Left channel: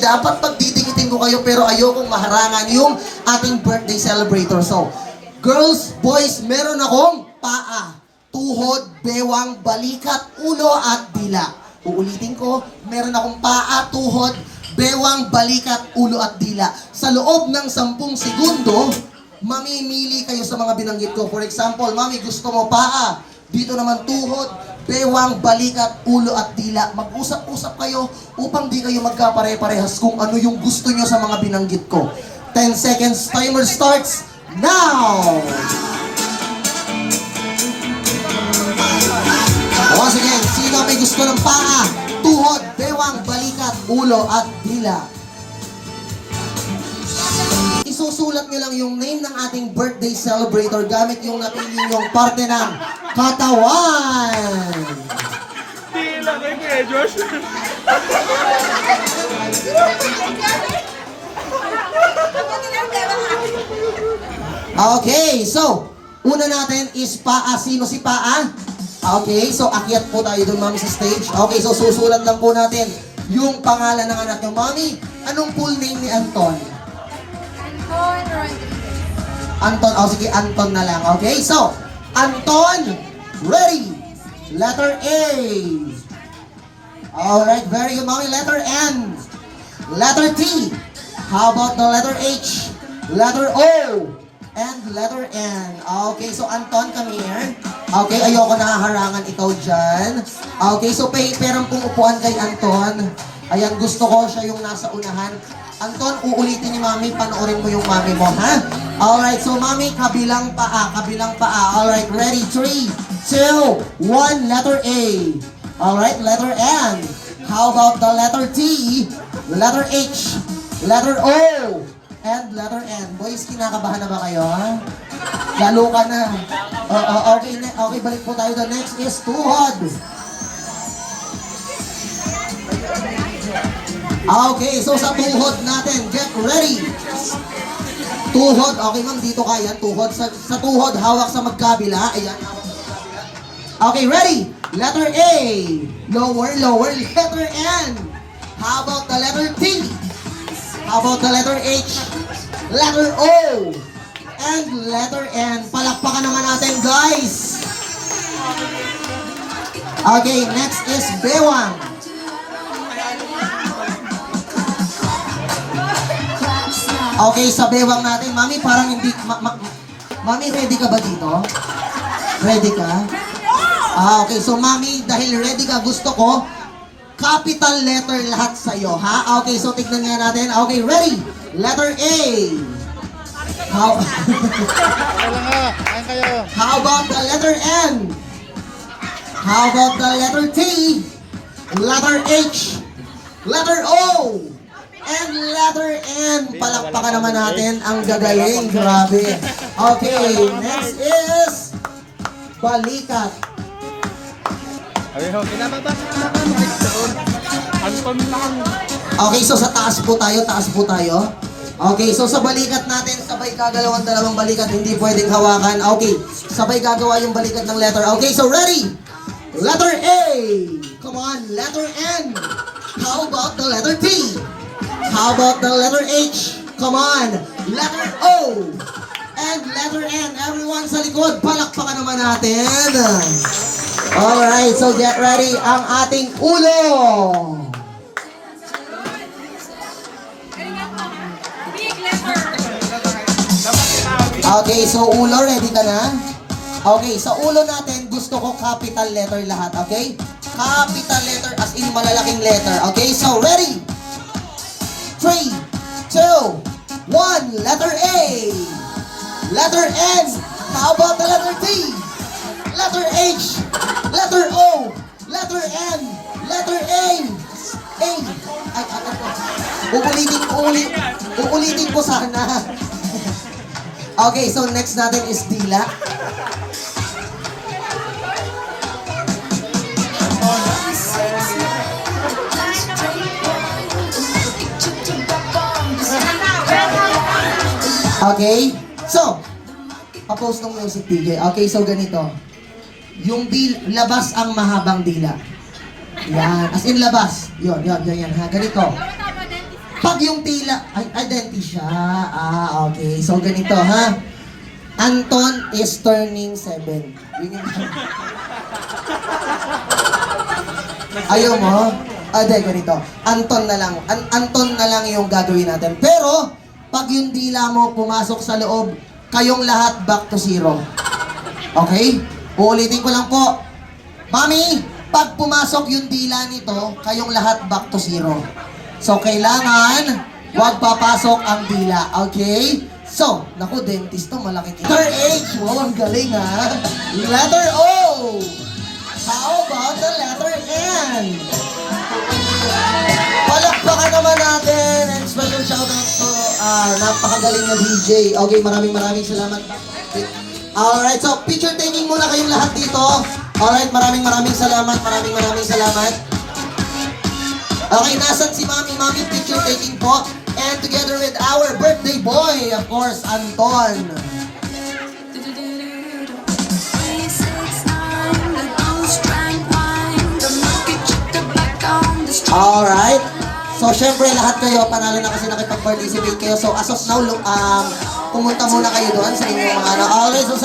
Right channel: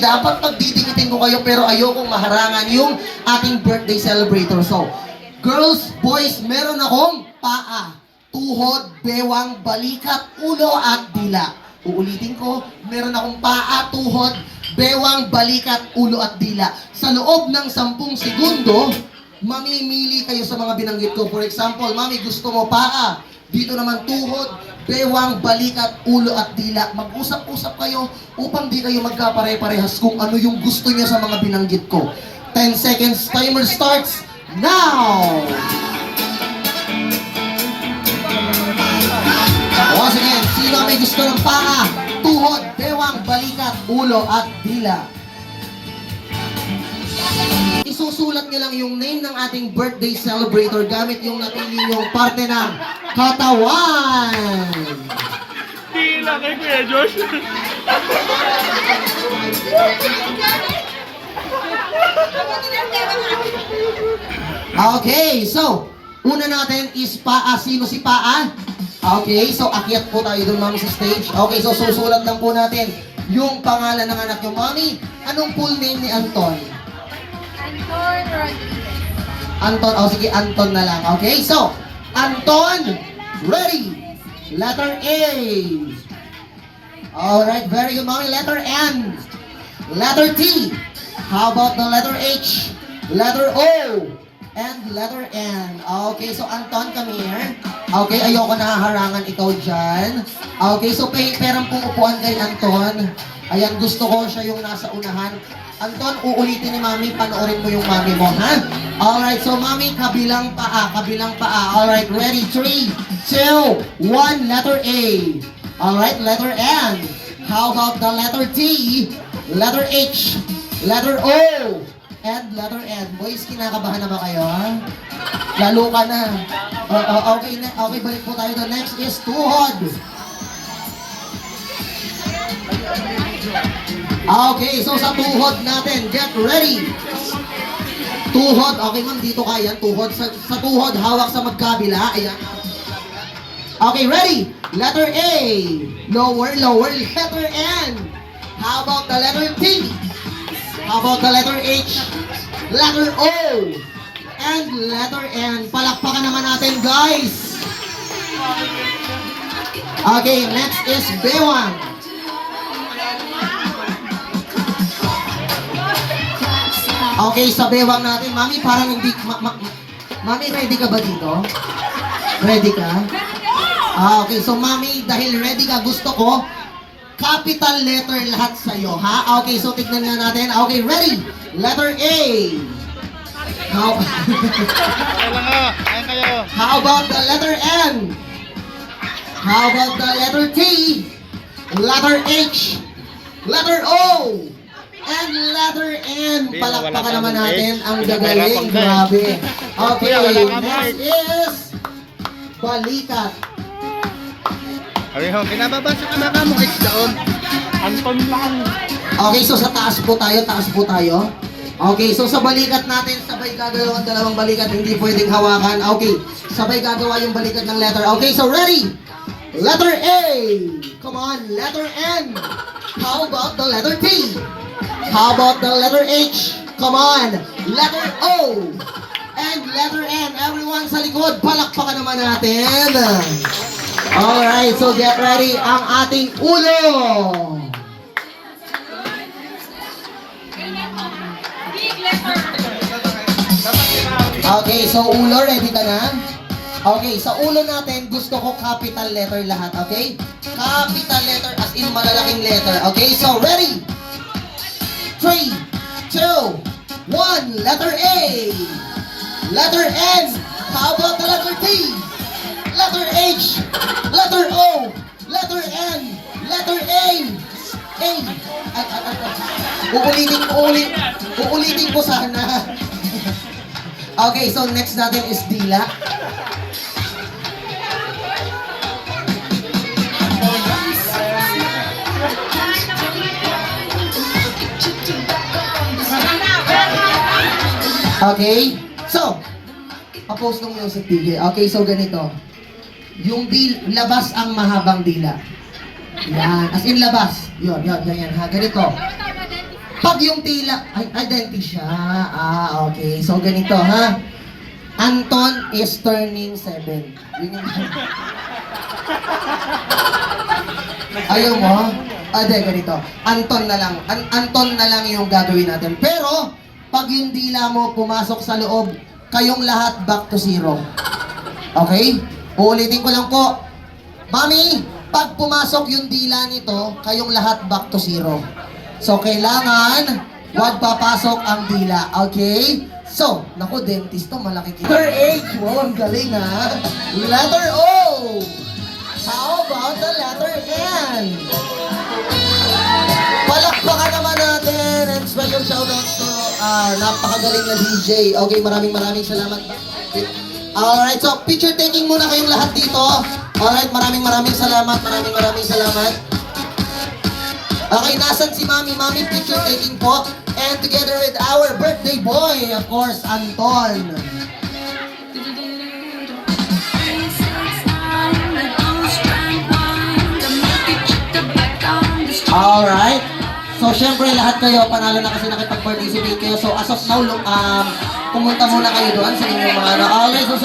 Dapat pagdidikitin ko kayo pero ayokong maharangan yung ating birthday celebrator. So, girls, boys, meron akong paa, tuhod, bewang, balikat, ulo at dila. Uulitin ko, meron akong paa, tuhod, bewang, balikat, ulo at dila. Sa loob ng 10 segundo, mamimili kayo sa mga binanggit ko. For example, mami, gusto mo paa. Dito naman tuhod, bewang, balikat, ulo at dila. Mag-usap-usap kayo upang di kayo magkapare-parehas kung ano yung gusto niyo sa mga binanggit ko. 10 seconds, timer starts now! Once again, sino may gusto ng paa, tuhod, bewang, balikat, ulo at dila? Isusulat nyo lang yung name ng ating birthday celebrator gamit yung napili nyong parte ng katawan. Tila kay Kuya Josh. Okay, so, una natin is paa. Sino si paa? Okay, so akyat po tayo dun, mami, sa stage. Okay, so susulat lang po natin yung pangalan ng anak nyo. Mami, anong full name ni Anton? Anton Rodriguez. Anton, sige, Anton na lang. Okay, so, Anton, ready. Letter A. Alright, very good, mommy. Letter N. Letter T. How about the letter H? Letter O. And letter N. Okay, so Anton, come here. Okay, ayoko nahaharangan ikaw dyan. Okay, so perang pong upuan kay Anton. Ayan, gusto ko siya yung nasa unahan. Anton, uulitin ni mami, panoorin mo yung mami mo, ha? Alright, so mami, kabilang paa, kabilang paa. Alright, ready? 3, 2, 1, letter A. Alright, letter N. How about the letter T, letter H, letter O, and letter N? Boys, kinakabahan na ba kayo, ha? Lalo ka na. Okay, okay, balik po tayo. The next is tuhod. Okay, so sa tuhod natin, get ready. Tuhod, okay ma'am, dito kaya. Tuhod, sa tuhod, hawak sa magkabila. Ayan, hawak sa magkabila. Okay, ready? Letter A. Lower, lower. Letter N. How about the letter T? How about the letter H? Letter O. And letter N. Palakpakan naman natin, guys. Okay, next is bewang. Okay, sa bewang natin, mami, parang hindi, mami, ready ka ba dito? Ready ka? Okay, so mami, dahil ready ka, gusto ko, capital letter lahat sa'yo, ha? Okay, so tignan nga natin. Okay, ready? Letter A. How, Kailan nga? Kain kayo. how about the letter N? How about the letter T? Letter H? Letter O? And letter N. Palakpakan naman natin ang gagaling. Grabe. Okay, next is balikat. Areho, kinababa sa anak mo. Anton lang. Okay, so sa taas po tayo, taas po tayo. Okay, so sa balikat natin, sabay gagalaw ang dalawang balikat, hindi pwedeng hawakan. Okay, sabay gagawa yung balikat ng letter. Okay, so ready? Letter A. Come on, letter N. How about the letter T? How about the letter H? Come on, letter O. And letter N. Everyone sa likod, palakpakan naman natin. Alright, so get ready ang ating ulo. Big letter. Okay, so ulo, ready ka na? Okay, sa ulo natin, gusto ko capital letter lahat, okay? Capital letter as in malalaking letter. Okay, so ready? 3, 2, 1, letter A. Letter N. How about the letter T? Letter H. Letter O. Letter N. Letter A. A. Uulitin ko sana. Okay, so next natin is dila. Okay? So, pa-post ng music video. Okay, so ganito. Yung labas ang mahabang dila. Yan. As in labas. Yun, ganyan ha. Ganito. pag yung tila, ay, dentist siya. Okay. So, ganito, ha? Anton is turning 7. Yun yung... Ayaw mo? Ganito. Anton na lang. Anton na lang yung gagawin natin. Pero, pag yung dila mo pumasok sa loob, kayong lahat back to 0. Okay? Uulitin ko lang po. Mami, pag pumasok yung dila nito, kayong lahat back to 0. So, kailangan, huwag papasok ang dila. Okay? So, naku, dentist to, malaki. Letter H. Wow, ang galing ha. Letter O. How about the letter N? Palakpakan naman natin. And special shoutouts to napakagaling na DJ. Okay, maraming salamat. Alright, so picture taking muna kayong lahat dito. Alright, maraming salamat. Maraming salamat. Okay, nasan si Mami? Mami, picture taking po. And together with our birthday boy, of course, Anton. Alright. So, syempre, lahat kayo, panalo na kasi nakipag-participate kayo. So, as of now, pumunta muna kayo doon sa inyong mga ano. Alright, so,